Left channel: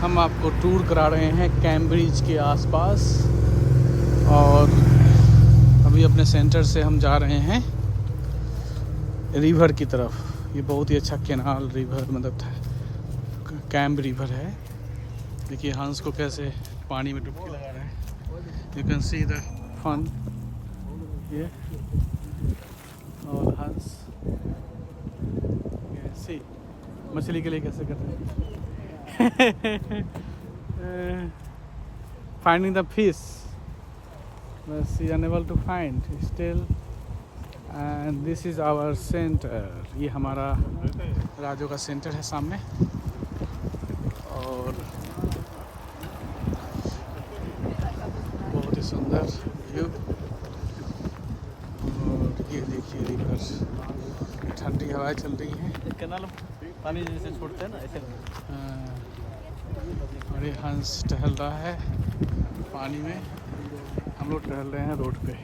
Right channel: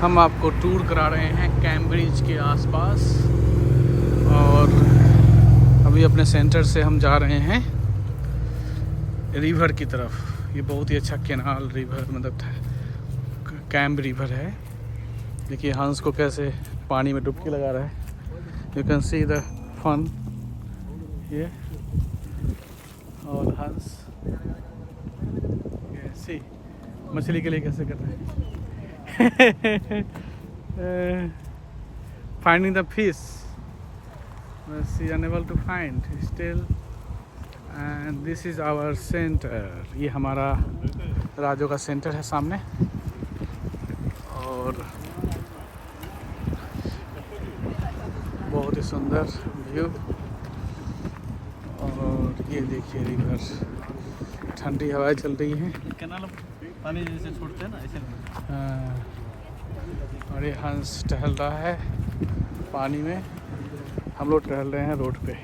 हम आपको टूर करा रहे हैं कैम्ब्रिज के आसपास, और अभी अपने सेंटर से हम जा रहे हैं रिवर की तरफ। ये बहुत ही अच्छा कैनाल रिवर मतलब कैम्ब रिवर है। देखिए हंस को कैसे पानी में डुबकी लगा रहा है। You can see the fun ये, और हंस सी मछली के लिए कैसे कर रहे हैं। Finding the fish, but she unable to find still. And this is our center. ये हमारा राजो का सेंटर है सामने, और बहुत ही सुंदर व्यू। और ये देखिए रिवर, ठंडी हवाएं चल रही हैं। पानी जैसे छोड़ते हैं ना ऐसे। हाँ, और ये हंस टहल रहा है पानी में, हम लोग टहल रहे हैं रोड पे।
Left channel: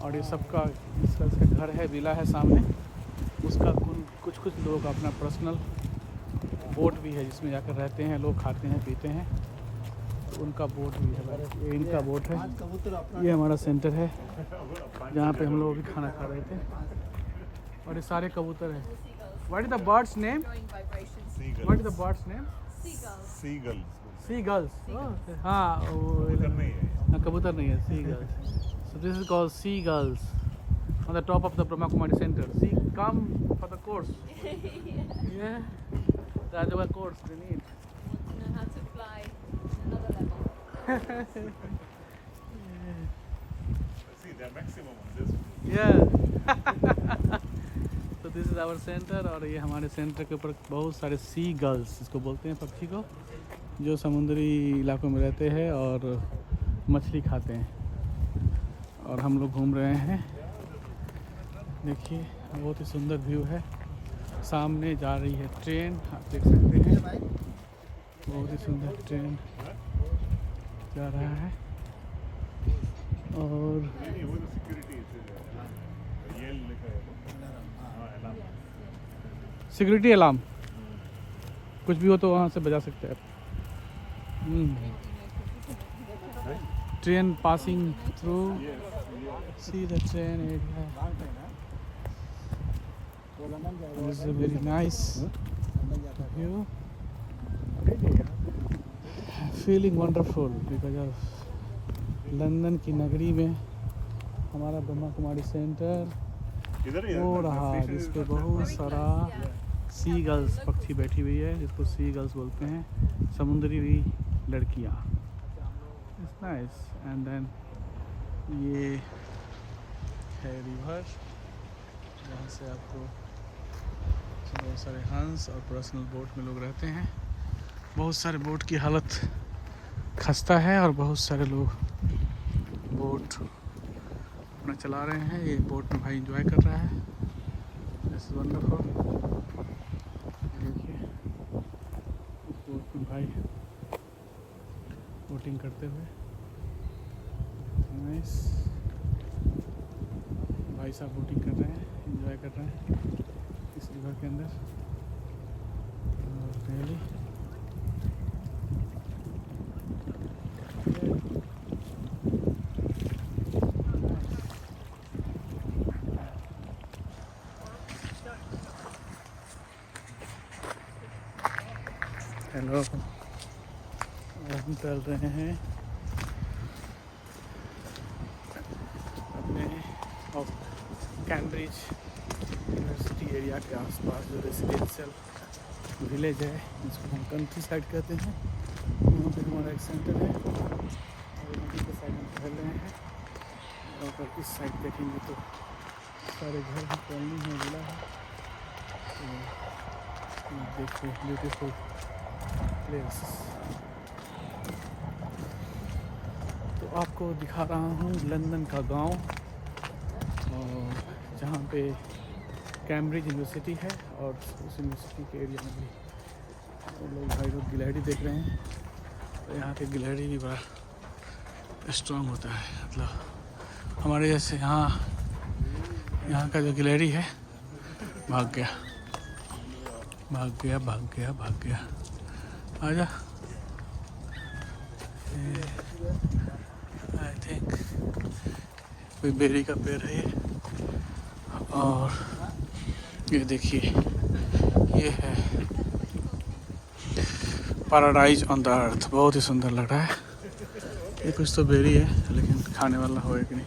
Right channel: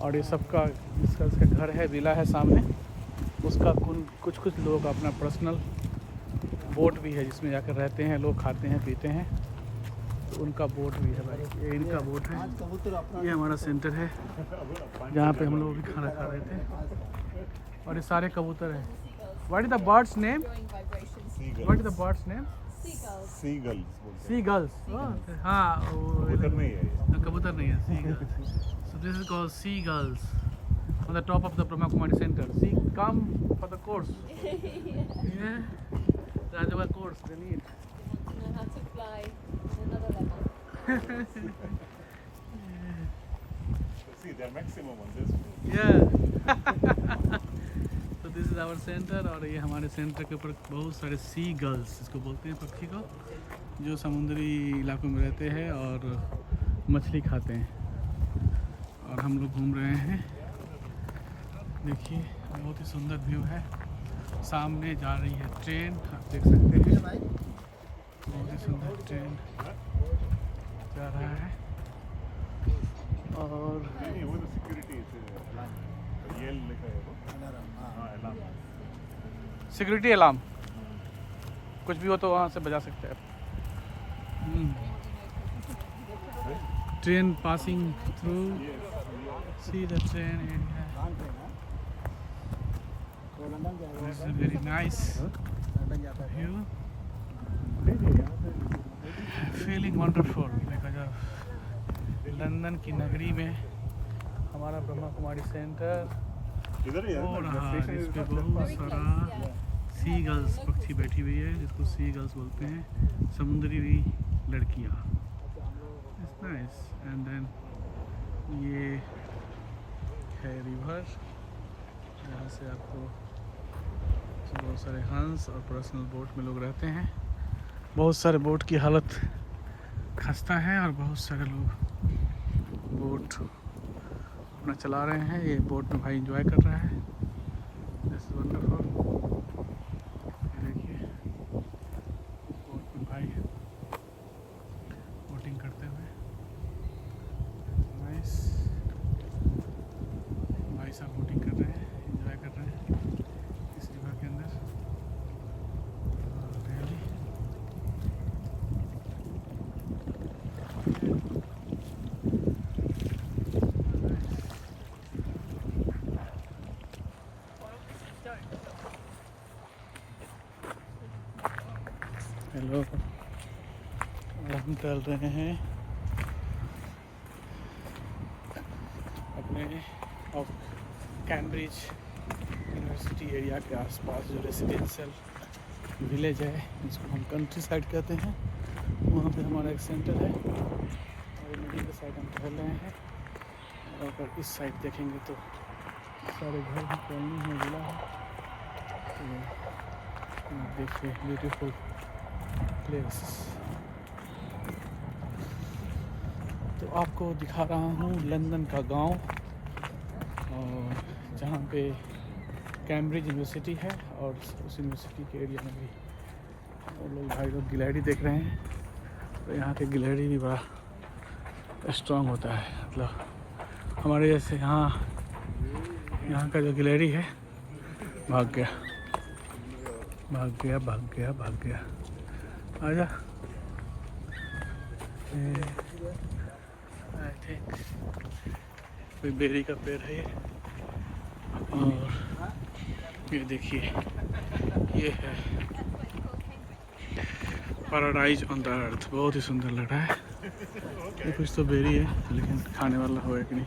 और ये सबका इसका घर है, विला है सामने, उसका कुछ लोगों का अपना पर्सनल बोट भी है जिसमें जाकर रहते हैं लोग, खाते हैं पीते हैं, तो उनका बोट भी है। ये इनका बोट है। ये हमारा सेंटर है जहाँ पे हम लोग भी खाना खा रहे थे। और ये सारे कबूतर हैं। What is the bird's name? Seagulls. What is the bird's name? Seagulls. Seagulls. हाँ, कबूतर नहीं है, seagulls. So this is called seagulls on the top of the Brahma Kumari Center. See, come for the course. Yeah, Rajava course they need. Know how to fly another level. See, they're maximum on this one. Yeah. तो this is our centre, और ये हमारे centre के ऊपर बहुत सारे सी girls इसको बोलते हैं, पक्षी को, जो समुद्री इलाकों में रहते हैं और मछली खाते हैं। और हम लोग घूम रहे हैं। देखिए बहुत ही सुंदर व्यू है। सामने जा रही है ट्रेन, आप देख सकते हैं, बहुत ही सुंदर ट्रेन जा रहा है। और वो तो सिक्योरिटी ये लिखा है वो, हाँ अलार्म, सिक्योरिटी अलार्म, कुछ भी हो तो वहाँ से बजा सकते हैं। Train passing through, see the train area, this is very nice view, feeling wonderful because of London की नगरी में हमारा ब्रह्मा कुमारी सेंटर हो रहा है, जिस पे बहुत सारा सी गर्ल्स पक्षी बैठी हुई है, जिसको सी गर्ल्स बोलते हैं, समुद्री लड़कियाँ। It's nice. एंड देन ये है रिवर, जहाँ से आपको बहुत सारे हंस और पर्सनल बोट में लोग रहते हैं। बहुत सारे बोट की हालत खस्ता है, और बहुत सारे लोग बोट अपना चला रहे हैं। ये बोट में भाई एंजॉय कर रहा है। This is wonderful. देखिए बोट में भाई बोटिंग करते हुए, नाइस। भाई साहब बोटिंग कर रहे हैं, एंजॉय कर रहे हैं इस रिवर के अंदर। रियली हेलो, हम चल रहे हैं अपने कैम्ब्रिज यूनिवर्सिटी एरिया के आसपास, जो रेसिडेंशियल विलेज है जिसको हम कंट्री साइड कहते हैं, वहाँ पे हमारा एक सेंटर है। और नदी के साइड हम टहल रहे हैं। और अगर इस साइड देखेंगे तो सारे घर भी, कॉलोनी है, विला है। तो देखिए ब्यूटीफुल प्लेस। तो आपको दिखा रहा हूँ लंदन का गांव, और जहाँ पे कैम्ब्रिज यूनिवर्सिटी है, और उस यूनिवर्सिटी के एरिया में भी और लोग भाई लोग गिलहरी देख रहे हैं। तो यहाँ के गिलहरी भी बड़ा स्ट्रॉन्ग होता है, मतलब हमारे जैसे यहाँ का जो गिलहरी है, भाग गया भाग गया भाग गया भाग गया। आजा। आई थिंक कोई बेरी का पेड़ है ये। और ये देखिए ये है पैराडाइज ऑन द अर्थ। बहुत ही सुंदर लग रहा है। ये कुछ तो बेरी है लेकिन खाने वाला होगा कि नहीं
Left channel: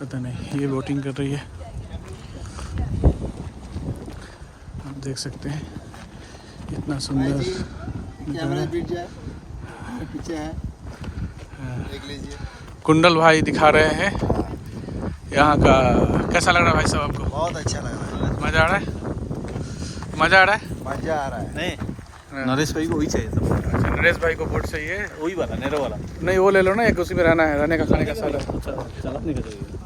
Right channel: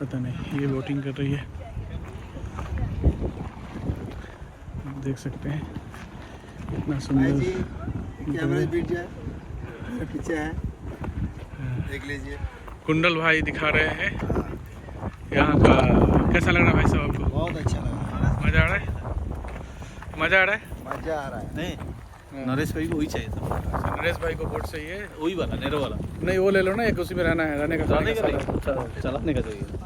पता नहीं। ये बोटिंग कर रही है, आप देख सकते हैं इतना सुंदर पीछे है, देख लीजिए। कुंडल भाई दिखा रहे हैं यहाँ का। कैसा लग रहा है भाई साहब आपको? बहुत अच्छा लग रहा है। मज़ा आ रहा है? मज़ा आ रहा है? मजा आ रहा है। नहीं, नरेश भाई को वही चाहिए था। नरेश भाई को बोट चाहिए? वही वाला, नेरो वाला। नहीं वो ले लो ना, एक उसी में रहना है, रहने का चलाने का चाहिए,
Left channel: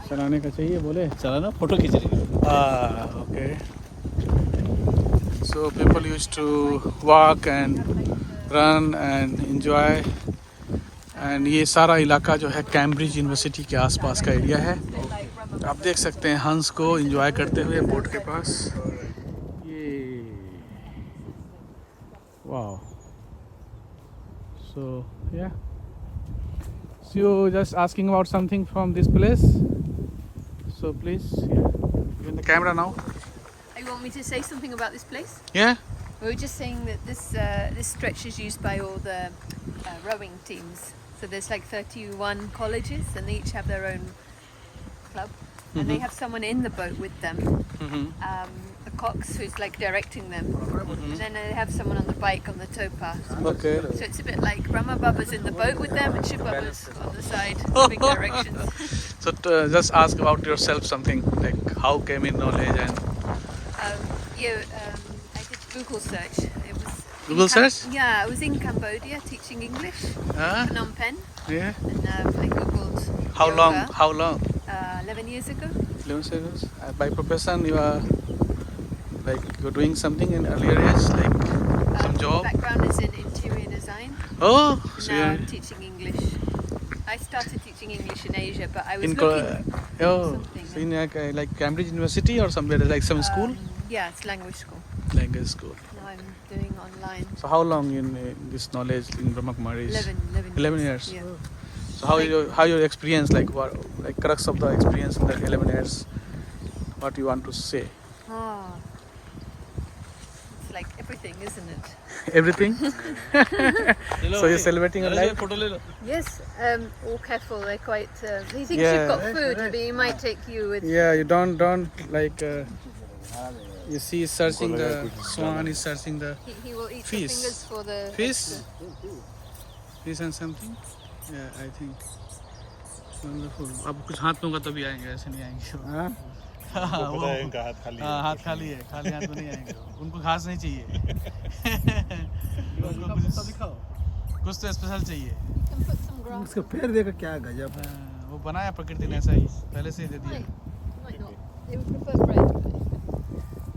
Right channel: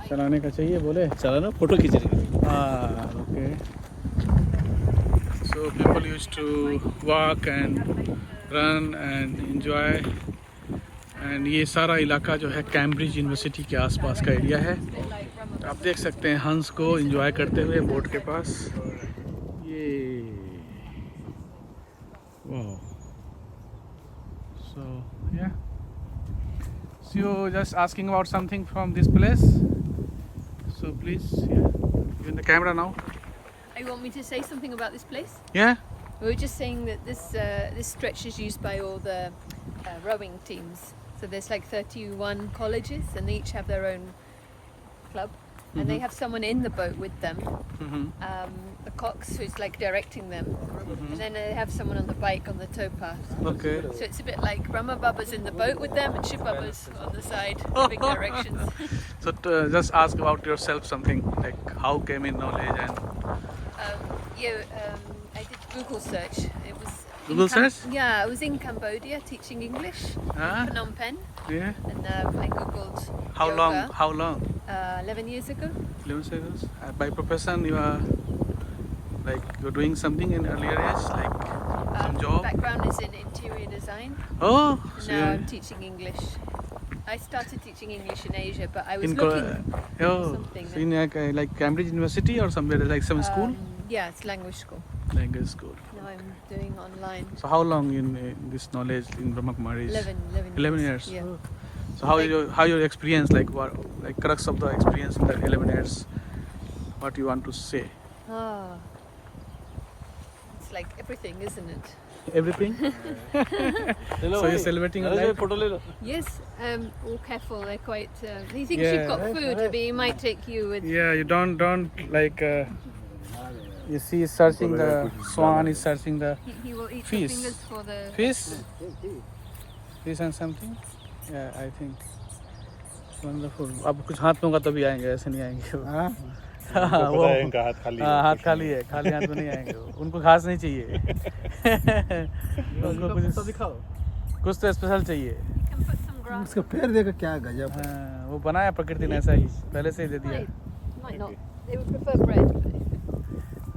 चलाने का चाहिए बोले चलाना, फोटो खींच लीजिए। Okay. So people use to walk and run and enjoy. And ये सारा इलाका जो है कैम्ब्रिज यूनिवर्सिटी के आसपास का एरिया है। आप देख सकते हैं हंस को एंजॉय करते हुए बोट के पास। ये wow. So yeah. So you just asking about something from this place. So please, yeah. In the camera now. You want me to say something about this place? Yeah. We were just saying that this stretch is used by all the rowing teams. So there's like 31 colleges, and they each have their own club, and they have someone in the boat with them, a cox who's like directing them, and then they have someone on the bike on the towpath. Okay. So it's a bit like Brahma Baba's in the boat with them, and Shiv Baba's on the side, giving directions. So just ask about yourself something like how came in knowledge and. I did Google search. It was Google search? Yeah, I was in Cambodia teaching English, Phnom Penh, Yeah. and I googled. How yoga, long? How long? 11 years ago. 11 seconds. By profession, you are like you're doing something in earlier years, like some job. Background is in interior design. Oh, And so now you're I'm teaching English. I started teaching English in Asia, but I was in looking oh, so in like Cambridge University or somewhere like some school, yeah, it's language school. language school. Now I'm doing online. So how long in this knowledge in Brahma Kumaris? 11 years. Yeah. So how your experience, like what, like crux of the experience in that 11 years? What you want to say? It's like everything, isn't it? Everything. So you're celebrating your life? Yes. All careful. They're quite. He thinks you've got food, but he might take you with. Yeah, you don't like. You see, he's searching the swan. Is searching the He will eat Fish. the fingers for the. fish. Fish and something. Yeah, I think. Wonderful. अब कुछ हाथ में होगा तभी आएंगे, ऐसे नहीं आएंगे वो। वो हाथ खाली है, खाली हाथ में नहीं आएंगे वो। उनको घास नहीं चाहिए। उनको कुछ तो स्पेशल चाहिए। Can put some grass. उसका पैर देखो क्या गजब है। वो बनाया प्रकृति ने ऐसा ही, पहले से ही दे दिया। Might not. They would prefer bread.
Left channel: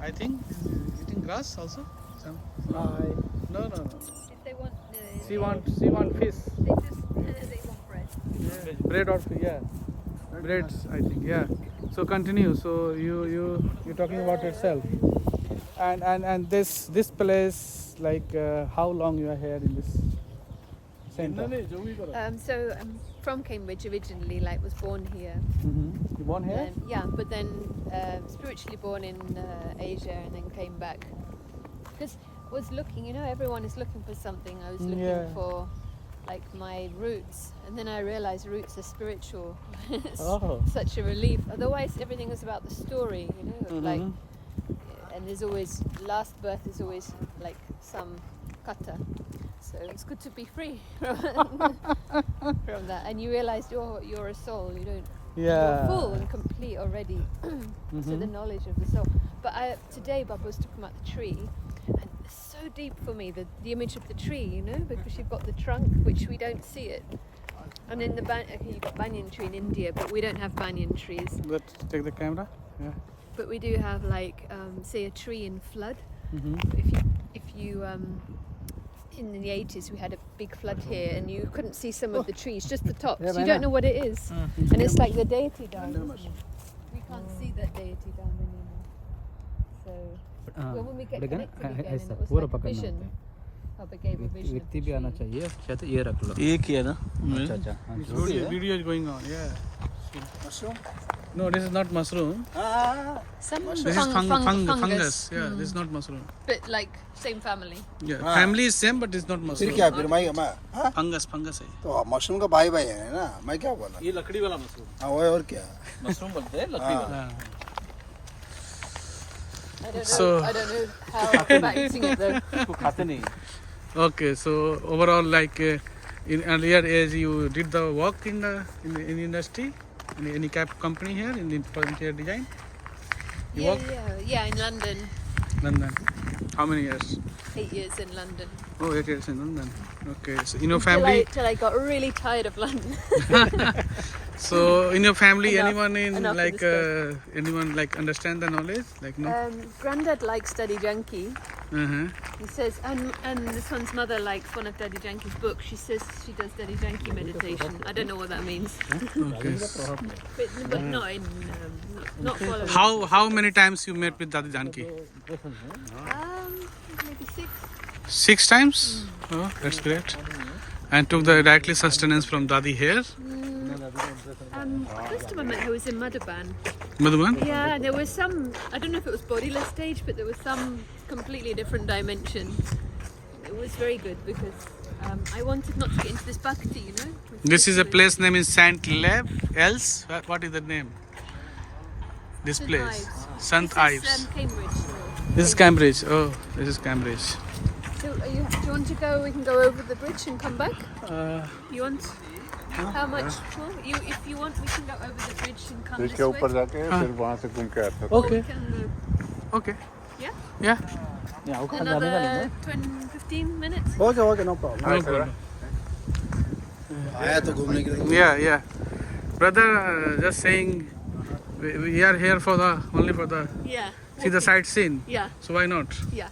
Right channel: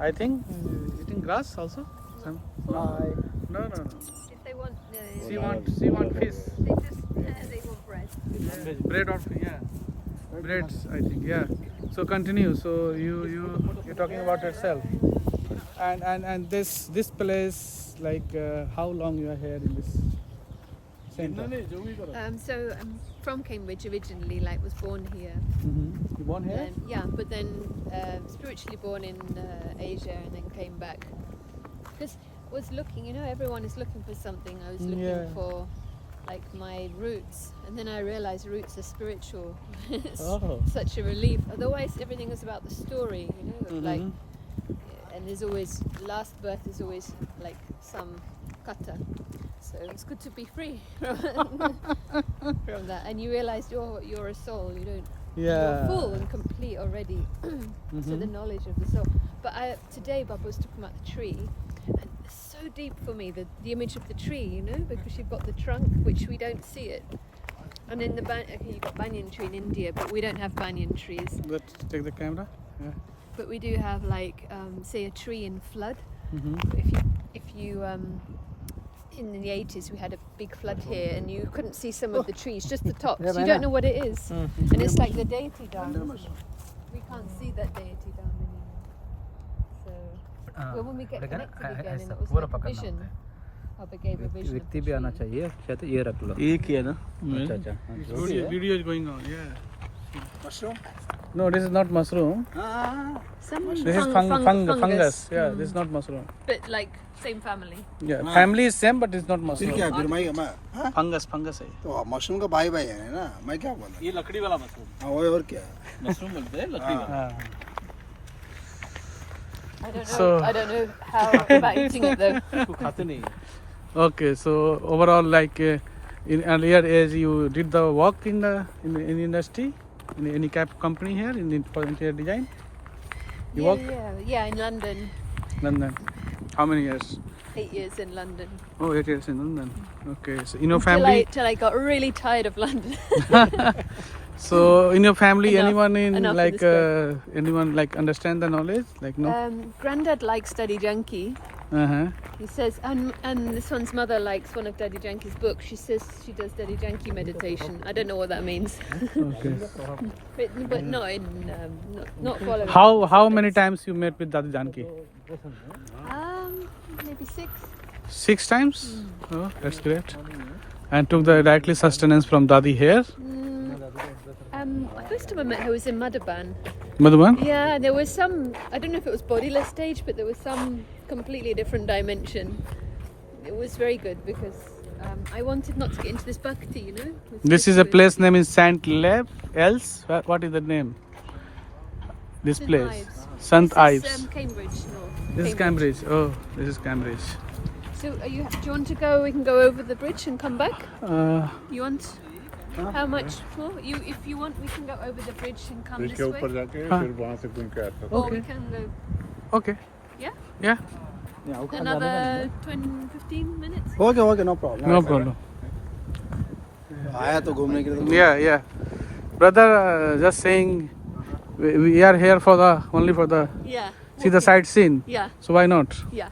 I think eating grass also. Some. No. If they want. She want fish. They just. They want bread. Yeah. Bread or yeah. Breads, I think. Yeah. So continue. So you're talking about yourself. And this place, like how long you are here in this center? So I'm from Cambridge originally. Like was born here. You born here? Yeah, but then spiritually born in Asia, and then came back because I was looking. You know, everyone is looking for something. I was looking for like my roots, and then I realized roots are spiritual. It's such a relief. Otherwise, everything is about the story. You know, of like, and there's always last birth is always like some kata. So it's good to be free from that. And you realize you're a soul. You don't. You're full and complete already. So the knowledge of the soul. But today Baba was talking about the tree, and it's so deep for me, the image of the tree, you know, because you've got the trunk, which we don't see it. And in you've got banyan tree in India, but we don't have banyan trees. But take the camera. Yeah. But we do have like, say, a tree in flood. If you in the 80s we had a big flood here, and you couldn't see some of the trees, just the tops. You don't know what it is, and it's like the deity down. We can't see that deity down anymore. So when we get connected again, and it was like vision. HOPE gave a vision of व्यक्ति the भी आना tree. चाहिए शायद ये रख लो एक ही है ना अच्छा अच्छा हाँ, जो भी है video is going on, yeah. No, this is not mushroom. Some This is fungus. Yeah, this is not mushroom. But like same family. Yeah, family is same, but it's not फिर mushroom. क्या फिर मैं हाँ? Fungus है. तो mushroom का भाई भाई है ना मैं क्या बोला ये लकड़ी वाला मशरूम हाँ वो और क्या मशरूम बोलते हैं लकड़ी वाला हाँ. I don't know. So- I don't know how about eating it though. इसको खाते नहीं Okay, so overall, like in earlier age, you did the work in the in industry, in any company here for interior design. You work Yeah, in London. London. How many years? 8 years in London. Oh, 8 years in London. Okay, so in your family, Till I got really tired of London. so in your family, Enough- anyone in enough like of anyone like understand the knowledge? Like no. Granddad likes Daddy Yankee. Uh-huh. He says, and this one's mother likes one of Daddy Yankee's books. She says she does Daddy Yankee meditation. I don't know what that means, Okay. but not in not following. How many times you met with Dadi Janki? Maybe 6. 6 times? Oh, that's great. And took the directly sustenance from Dadi here. First time I met her was in Madhaban. Madhuban? Yeah, there was some, I don't know if it was bodiless stage, but there was some completely different dimension. It was very good because I wanted not to get into this bhakti, you know. This is a place name in Saint Lev. Else? What is the name? This St. place. Ives. St. This Ives. is Cambridge. This is Cambridge. Oh, this is Cambridge. So do you want to go? We can go over the bridge and come back. You want? How much tour? If you want, we can go over the bridge and come इसके this ऊपर way. जाके हाँ. फिर वहाँ से घूम के आते हैं Or we Okay. can go. Okay. Yeah. Yeah. Another 15 minutes. Okay no problem No problem. आया तो घूमने के लिए Yeah. Brother, just saying, we are here for the only for the Yeah. see the sightseeing. Yeah. So why not? Yeah.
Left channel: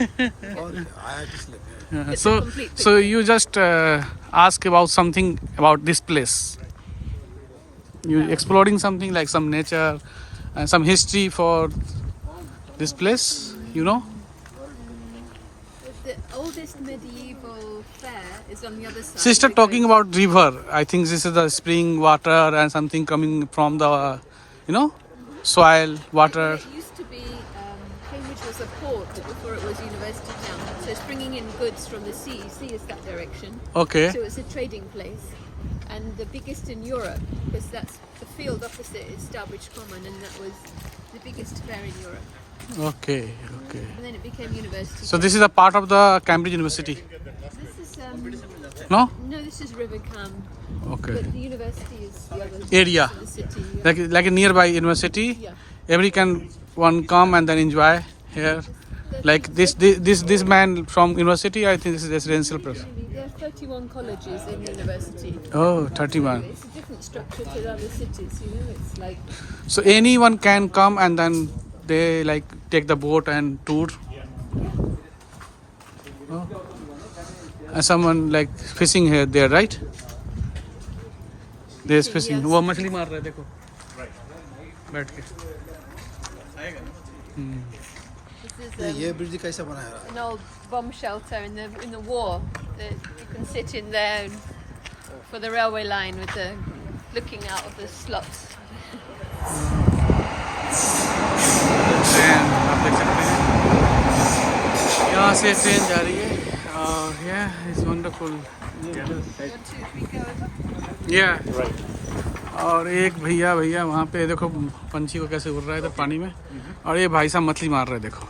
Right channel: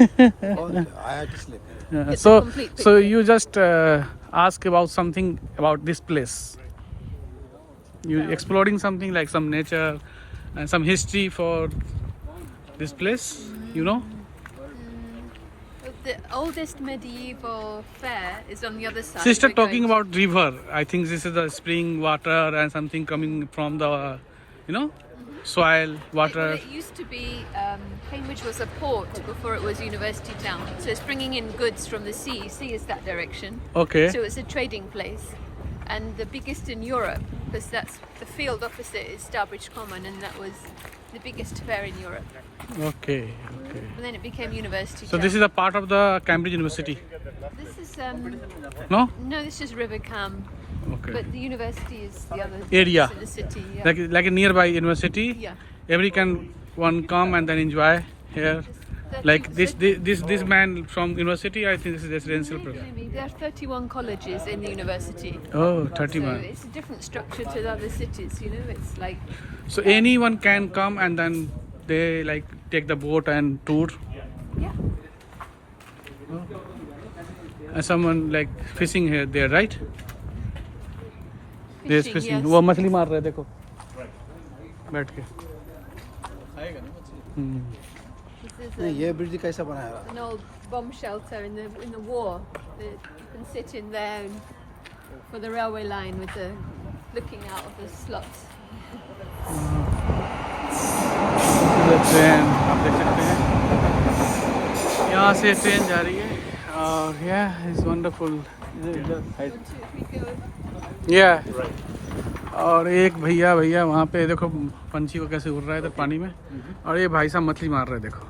आया किसलिए Yeah. Get So the complete so you just ask about something about this place. You exploring something like some nature and some history for this place. You know. The oldest medieval fair is on the other side. Sister We're talking going- about river. I think this is the spring water and something coming from the, soil, water. It used to be, Cambridge was a port before it was university town. So it's bringing in goods from the sea. Sea is that direction. Okay. So it's a trading place. And the biggest in Europe, because that's the field opposite is Starbridge Common, and that was the biggest fair in Europe. Okay. And then it became university So town. this is a part of the Cambridge University. This is, No? no, this is River Cam. Okay. But the university is the other Area. in the city. Yeah. Like a nearby university. Yeah. Every one come and then enjoy here. Like this man from university, I think this is residential place. Maybe there are 31 colleges in the university. Oh, So 31. it's a different structure to the other cities, you know. It's like So anyone can come and then they like take the boat and tour. yeah. Oh. And someone like fishing here there, right? There's fishing. yes. वो मछली मार रहा है देखो बैठ के This is ये bridge कैसा बनाया है an old bomb shelter in the war. You can sit in there for the railway line with the looking out of the slots. Train आप देख सकते हैं यहाँ से ट्रेन जा रही है और yeah it's wonderful 1, 2, 3, go over. yeah और एक भैया वहाँ पे देखो पंछी को कैसे उड़ रहा है इधर पानी में और ये भाई साहब मछली मार रहे हैं देखो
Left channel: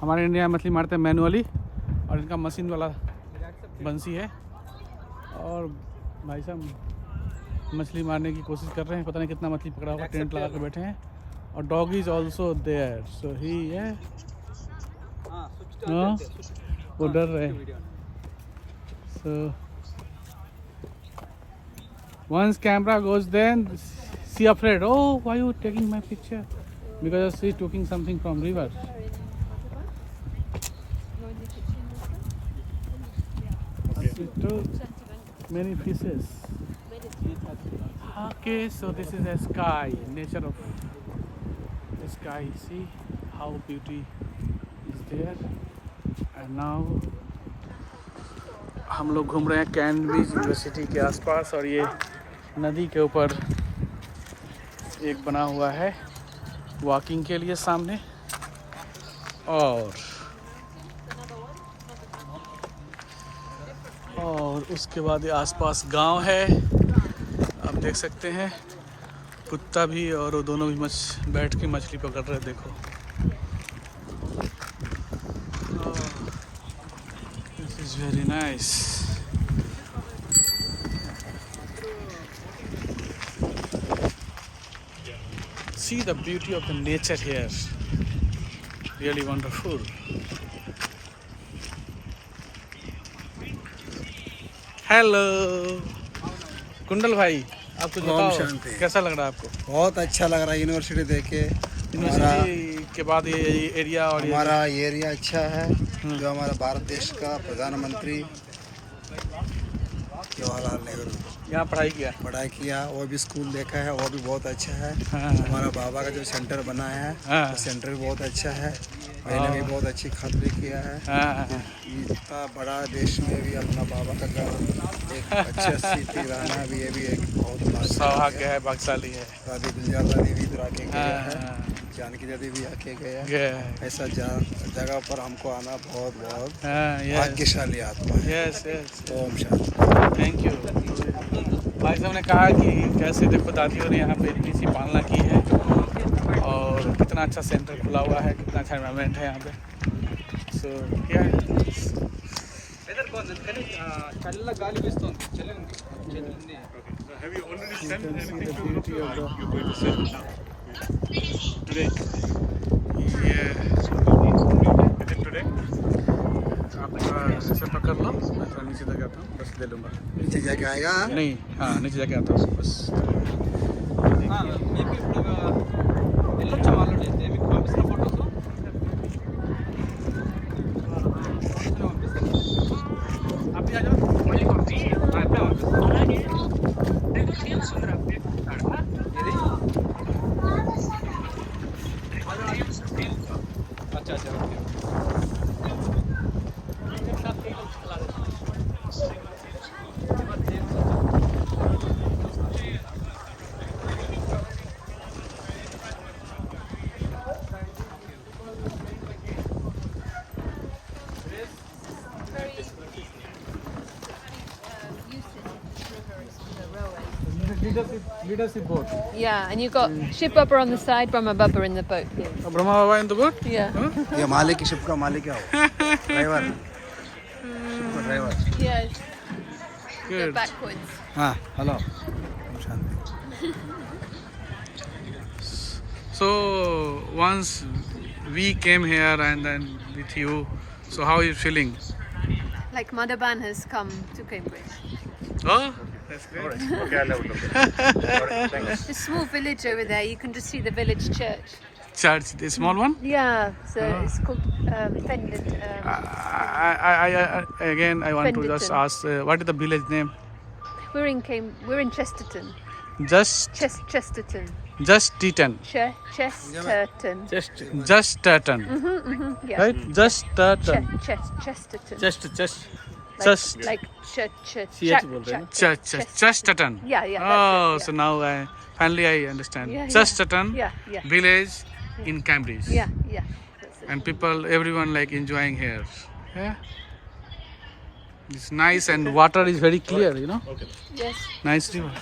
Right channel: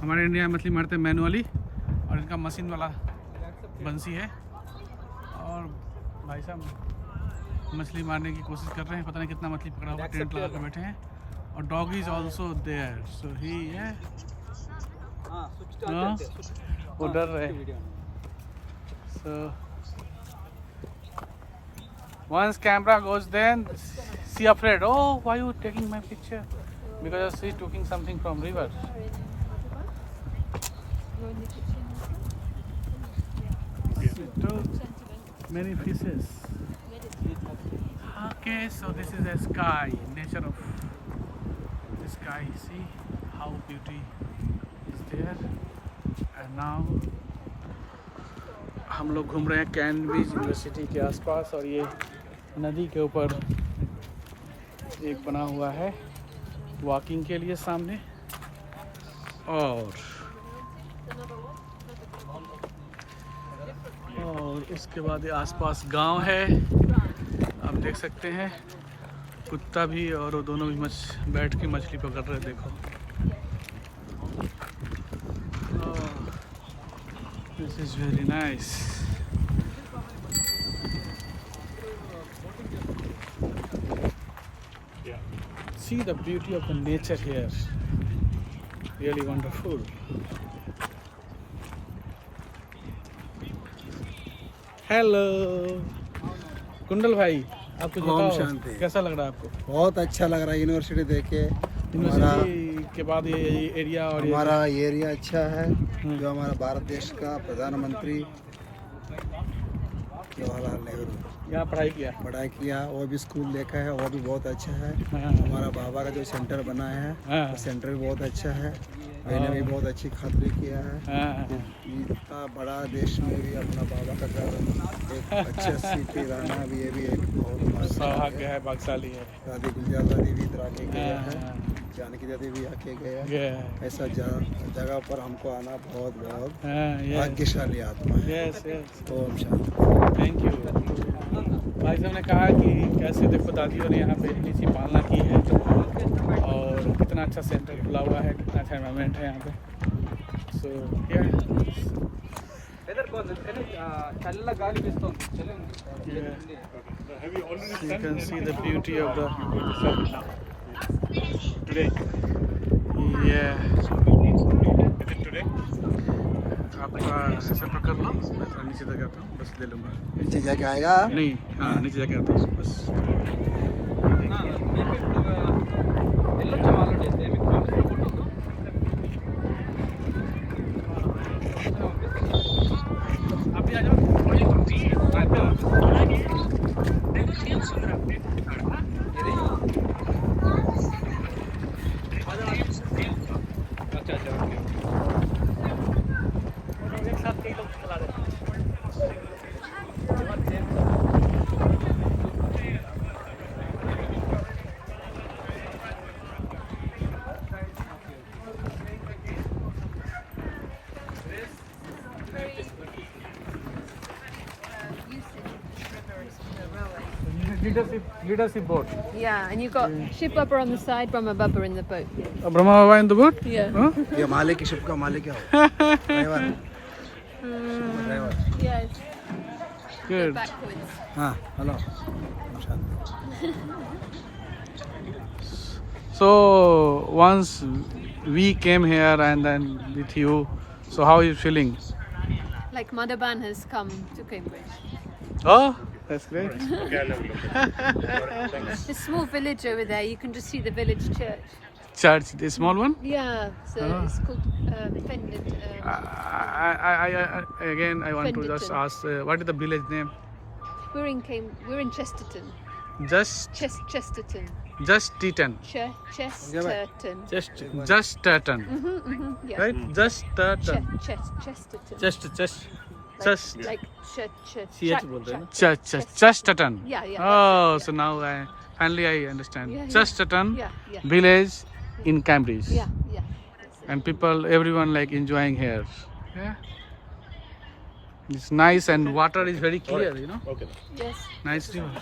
हमारे इंडिया में मछली मारते हैं मैनुअली और इनका मशीन वाला बंसी है और भाई साहब मछली मारने की कोशिश कर रहे हैं पता नहीं कितना मछली पकड़ा हुआ टेंट लगा कर बैठे हैं और डॉग इज ऑल्सो देयर सो ही है वो डर रहे हैं so once camera goes then she afraid oh why you taking my picture because she taking something from river You're in the kitchen. she took many fishes okay so this is the sky nature of the sky see how beauty is there and now हम लोग घूम रहे हैं Cambridge university के आसपास और ये नदी के ऊपर एक बना हुआ है वॉकिंग के लिए सामने और उसके बाद ये आसपास गांव है आप देख सकते हैं कुत्ता भी और वो दोनों भी बैठ के मछली पकड़ रहे हैं देखो this is very nice see the beauty of the nature here really wonderful hello कुंडल भाई आप कुछ बताओ शांति। कैसा लग रहा है आपको बहुत अच्छा लग रहा है यूनिवर्सिटी देख के हमारा यूनिवर्सिटी के बाद ये एरिया और ये हमारा एरिया अच्छा है जो हमारा भारत देश का प्रधानमंत्री जवाहरलाल नेहरू यहाँ पढ़ाई किया वो भी स्कूल देखा है वो भी बहुत अच्छा है हाँ। हमारा बाबा का जो सेंटर बना है हाँ। वो सेंटर भी बहुत अच्छा है मैंने भी बहुत अच्छी खातिरी किया है हाँ। इतना बड़ा देश में भी अपना बाबा का घर एक अच्छा सिटी रहना भी ये भी एक बहुत सौभाग्य है भाग्यशाली है दादी गुलजार दादी भी इधर आके गया है जानकी दादी भी आके गया है ऐसा जगह पर हमको आना बहुत बहुत भाग्यशाली आत्मा है yes yes Om Shanti thank you भाई साहब ने कहा कि कैसे देखो दादियों ने यहाँ पे इतनी सी पालना की है और कितना अच्छा सेंटर खुला हुआ है कितना अच्छा एनवायरनमेंट है यहाँ पे सो क्या Have you already you sent can see the beauty of the today? yeah Is it today? आपका ऐसे पकड़ लो मैं थोड़ा नीचे तक आता हूँ बस ले लूँगा नीचे जाके आएगा नहीं हाँ नीचे जाके आता हूँ बस వెళ్ళొచ్చా వాళ్ళు మీకు పంపిస్తున్న ఫోటోస్ अभी आ जाओ अच्छा अच्छा leadership boat Yeah, and you've got ship upper on the side, Brahma Bubba in the boat. Brahma Baba in the boat Yeah. huh? ये मालिक की शिप का मालिक है वो driver Yes. Go good backwards. हाँ hello Om Shanti so once we came here and then with you so how are you feeling Like Madhaban has come to Cambridge. oh that's great A small village over there. You can just see the village church. church the small one Yeah. So Ah. it's called Fendon. I again I want to just Fenderton. ask what is the village name We're in Chesterton. just Chesterton. Teton Chesterton. just Teton Yeah. right just Teton Chesterton. just Like just Teton Yeah. oh that's it, so now I finally I understand Yeah, just Teton Yeah. village in Cambridge Yeah. That's it. and people everyone like enjoying here yeah it's nice and water is very clear you know Okay. Yes. nice river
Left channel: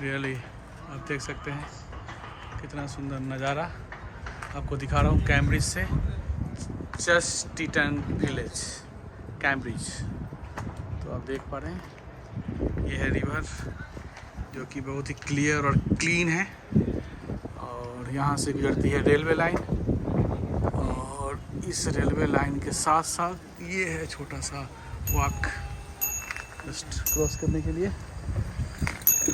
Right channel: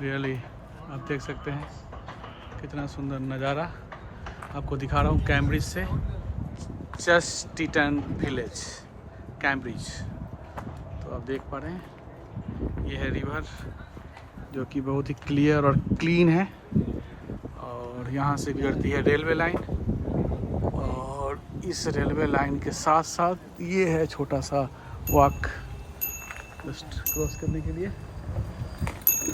really आप देख सकते हैं कितना सुंदर नज़ारा आपको दिखा रहा हूँ कैम्ब्रिज से चेस्टर्टन विलेज कैम्ब्रिज तो आप देख पा रहे हैं ये है रिवर जो कि बहुत ही क्लियर और क्लीन है और यहाँ से गुजरती है रेलवे लाइन और इस रेलवे लाइन के साथ साथ ये है छोटा सा वॉक जस्ट क्रॉस करने के लिए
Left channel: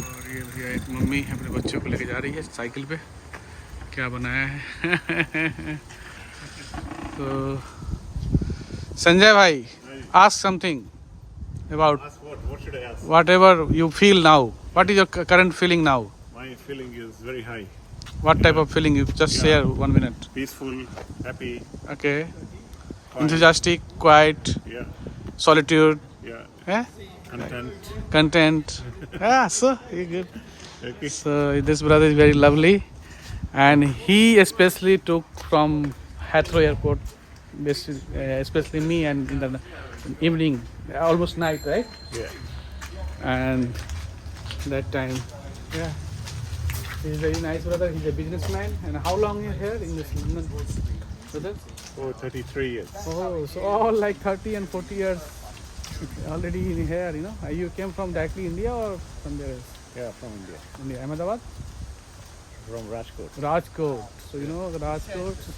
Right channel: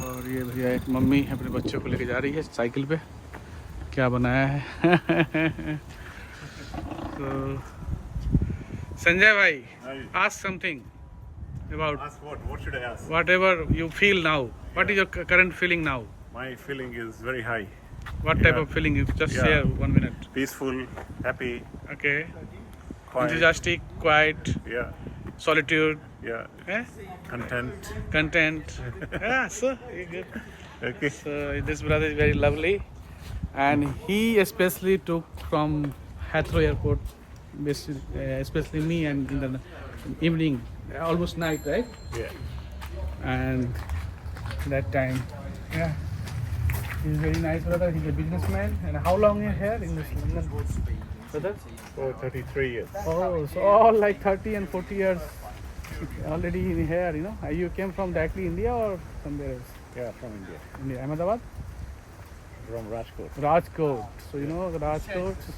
और ये भैया एक मम्मी अपने बच्चों को लेके जा रही है साइकिल पे क्या बनाया है तो संजय भाई ask something about Ask what? What should I ask? whatever you feel now what is your current feeling now My feeling is very high. What type Yeah. of feeling? You just Yeah. share 1 minute. Peaceful, happy, Okay. quiet. Enthusiastic, quiet, Yeah, solitude, yeah. eh? Content. Content. Yeah, so good. Okay. So this brother is very lovely, and he especially took from Heathrow Airport, especially me, and in the evening, almost night, right? Yeah. And that time, yeah, he's very nice brother. He's a businessman. And how long you here in this London, brother? For 33 years. Oh, so all like 30 and 40 years already in here, you know. You came from directly India or somewhere else? Yeah, from India. India, Ahmedabad? From Rajkot. Rajkot. So you know Rajkot,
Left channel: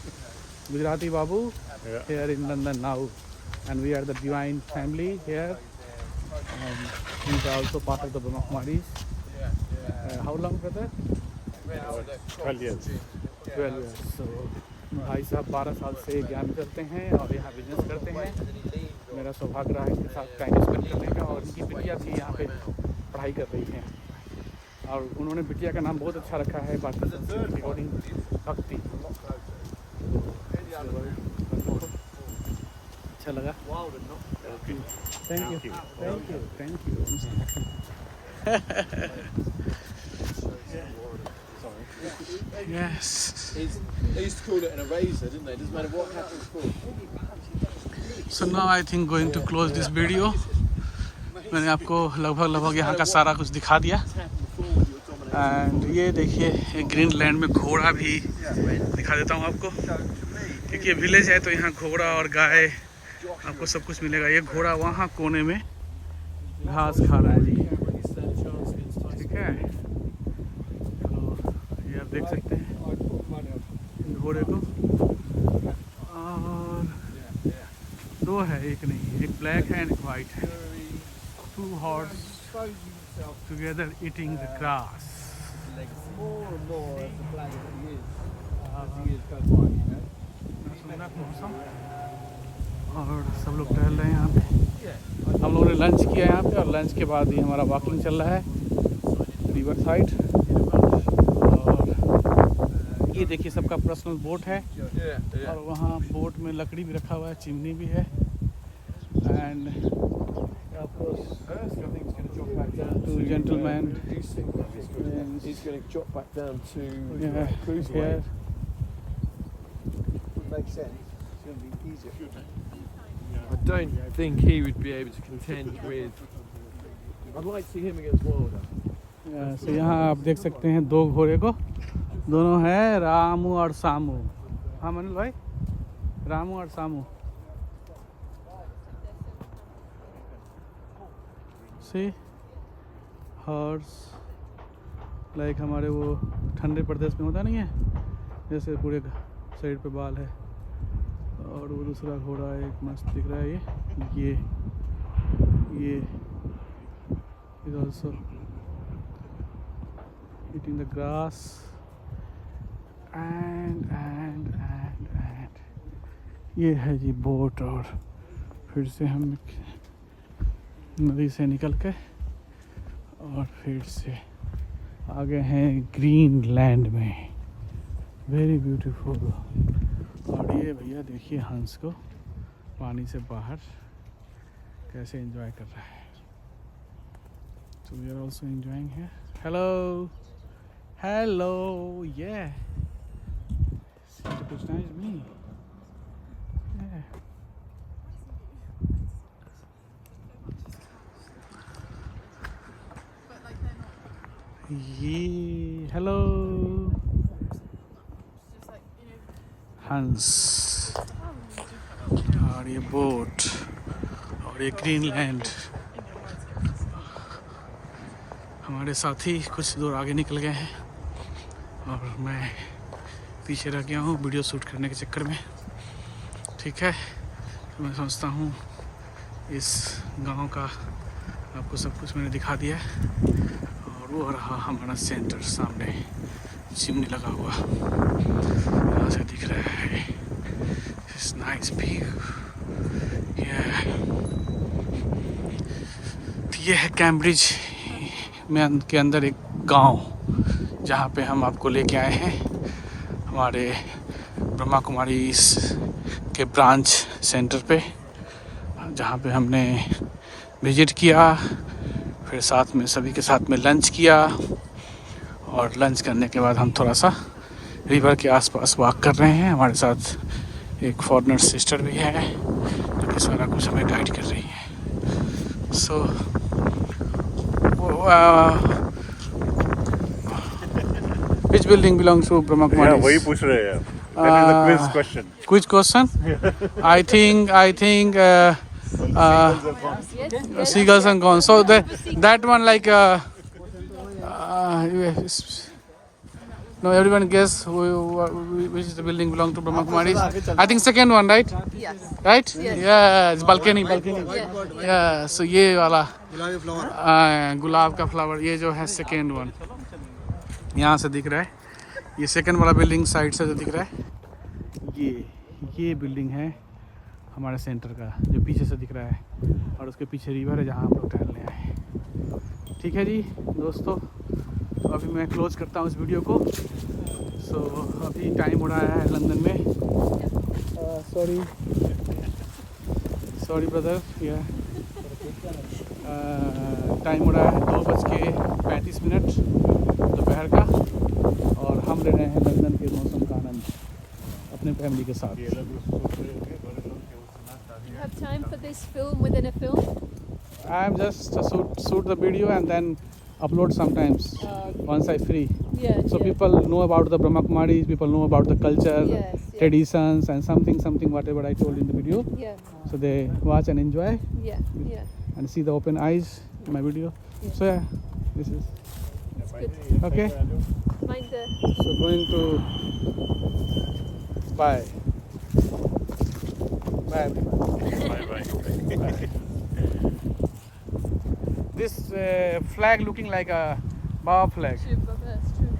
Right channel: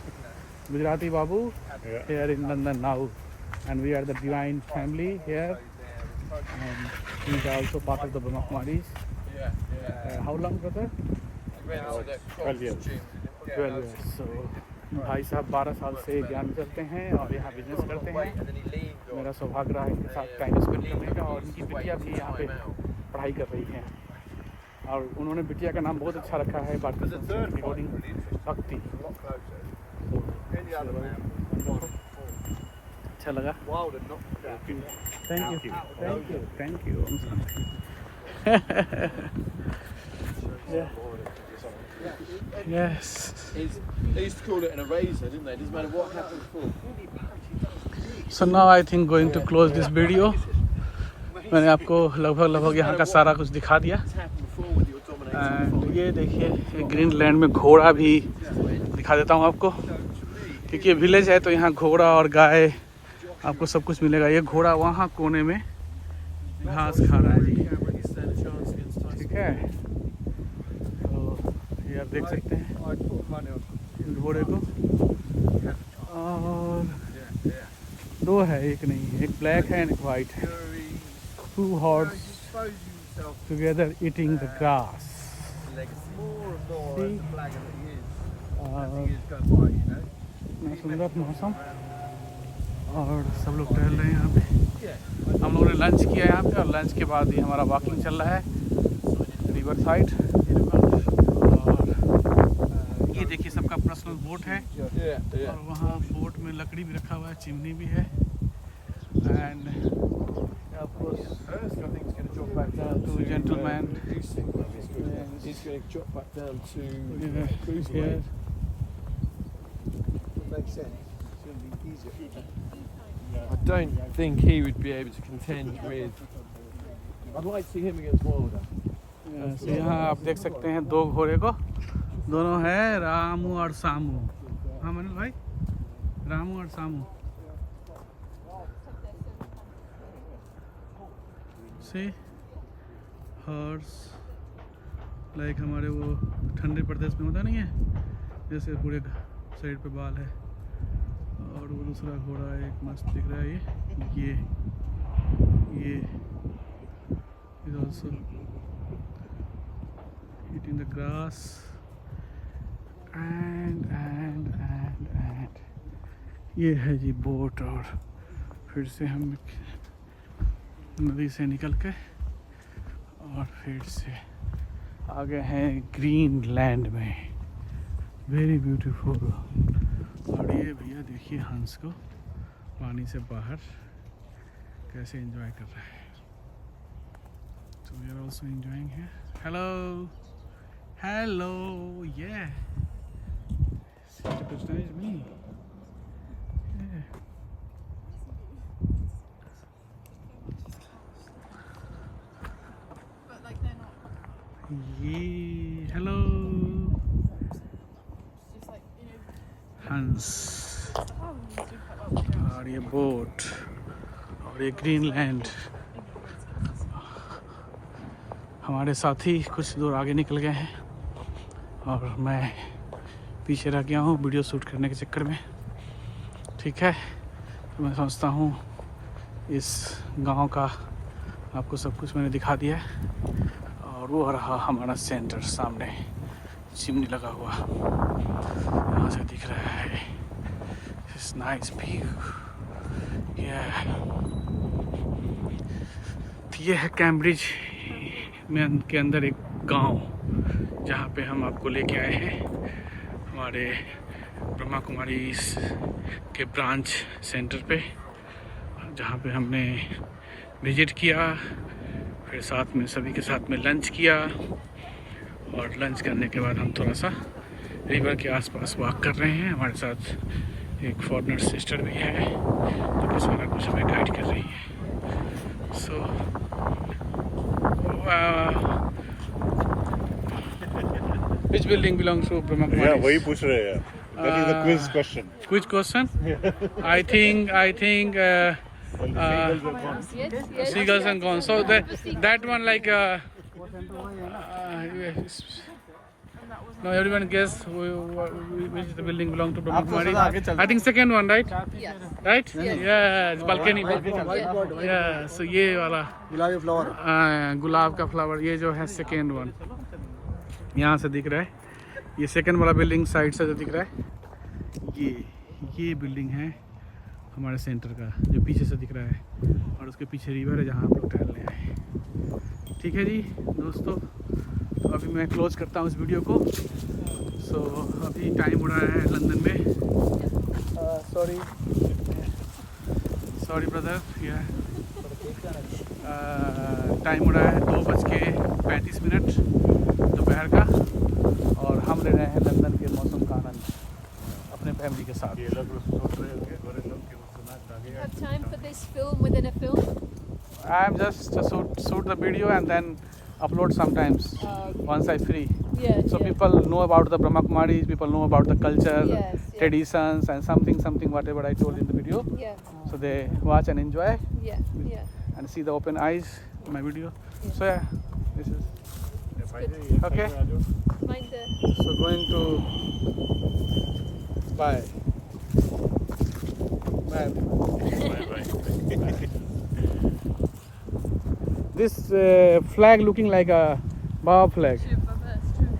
Gujarati Babu Yeah. here in London now, and we are the Divine family here, and he's also part of the Brahma Kumaris. How long, brother? 12 years. 12 years. So भाई साहब 12 साल से ज्ञान करते हैं और यहाँ business करते हैं। मेरा सौभाग्य रहा इनके साथ टाइम स्पेंड करने का, और इनकी बिटिया भी यहाँ पे पढ़ाई कर रही है, और उन्होंने बिटिया का नाम बहुत अच्छा रखा है भारतीय संस्कृति अकॉर्डिंग भक्ति। तो अच्छा लगा। Thank you, thank you, thank you. Yes. They used to call it an eraser, didn't they? Doesn't matter what happens for it. So now I think going to close this video. मैंने आपको लगभग यहाँ का सारा कुछ दिखा दिया। And ये देखिए, एक ग्रीन लैंड में घोड़ा भी दिखा देता हूँ आपको। देखिए विलेज है तो यहाँ घोड़ा और गाय आपको सब कुछ मिलेगा। ये घोड़ा वहाँ कोने में घास खा रहा है जी, ठीक है। तो ये आप देख सकते हैं घोड़े को, और दो है, एक नहीं, एक ब्लैक है एंड एक वाइट है। 2 horses together eating the grass. See? सुंदर मौसम, और सब लोग टहल रहे हैं यहाँ पे। हम लोगों ने लंच किया यहाँ पे, और लंच के बाद ही हमारा वॉकिंग चल रहा है रिवर साइड। और ये देखिए सबका पर्सनल बोट है, और वहाँ बोट में लकड़ी भी रखा हुआ है, चिमनी भी है। And two gentlemen. He's going to drop back down to Yeah, cruise yeah. way. Would make sense. It's going to be easier. I don't think he would be able to contend with. I'd like to see him against Wilder. So यहाँ आप देख सकते हैं दो घोड़े को, दोनों हैं रामू और सामू। हाँ मनीष भाई, रामू और सामू। See? हॉर्स लाइक हमारे वो ठंडे प्रदेश में होता नहीं है, जैसे पूरे साइड पे बाल है। और वो दूसरा घोड़ा एक मस्त दिख रहा है, ये is also eating the grass. And ये है जी बोट, और फिर से हम नदी से निकल के और फिर से आगे हैं ग्रीन लैंड में, वेरी ब्यूटीफुल। और ये भैया देखिए हंस को पानी से बाहर कैसे एंजॉय कर रहा है। So we are also enjoying here. Hello, hello, yeah. It's nice me. Yeah. ये हेलो हंस, और ये बोट, और ये ग्रीन लैंड। हमारे साथी कुछ दूर आगे निकल गए हैं, और मैं पीछे रह गया हूँ वीडियो शूट करने के चक्कर में, ठीक है। तो मैं समझता हूँ इस गांव का आपको सब कुछ मैंने दिखा दिया है। और वो रहा हमारा सेंटर, सामने चिमनी लगा हुआ, यहाँ से दिख रहा है। It's nice view. ये है कैम्ब्रिज में के अंदर एक गांव, जहाँ पे हम आपको लेके आए हैं हमारे ब्रह्मा कुमारी के ब्रांच सेंटर पे, जहाँ पे हमने विजिट किया, फिर साथ में सभी के साथ में लंच किया, और लंच करने के बाद हम थोड़ा सा रिवर के आसपास वॉक कर रहे हैं। हमारे साथ एक फॉरेनर सिस्टर भी है जो कि सारा कुछ हमें गाइड कर रही है। सो which building belongs to Brahma Kumaris? वही पूछ रहे हैं। That is a quiz question. Which question? I think seagulls and gone. So that one like no, everyone guess which is the building belong to Brahma Kumaris. I think second one, right? Yes. Right? Yeah, it's balcony. Yeah, so ये वाला गुलाब का flower, ये जो है second one यहाँ से दिख रहा है। ये सेकेंड वाला बिल्डिंग साइड से जो दिख रहा है, ये बिल्डिंग है हमारे सेंटर का, जो पीछे से दिख रहा है, और उसके पीछे रिवर है जहाँ हम लोग टहलने आए हैं। ठीक है जी दोस्तों, तो अभी मैं क्लोज करता हूँ इस वीडियो को। सो अभी टाइम हो रहा है लंदन में, सॉरी ब्रदर, टाइम हो रहा है 2:35 दोपहर का, और हम ले रहे हैं लंदन के मौसम का आनंद अपने फैमिली के साथ। You have time for this film within a film? I'm just to shoot the video and then upload sometimes once I free. Yeah. So people know about the Brahma Kumaris, people know about the culture, Yes, traditions, and something whatever I told in the video. Yeah. So they watch and enjoy Yeah. Yeah. and see the open eyes in my video. So yeah, this is okay. Mind the. So going to bye. This flag looking like a Baba flag. That's true.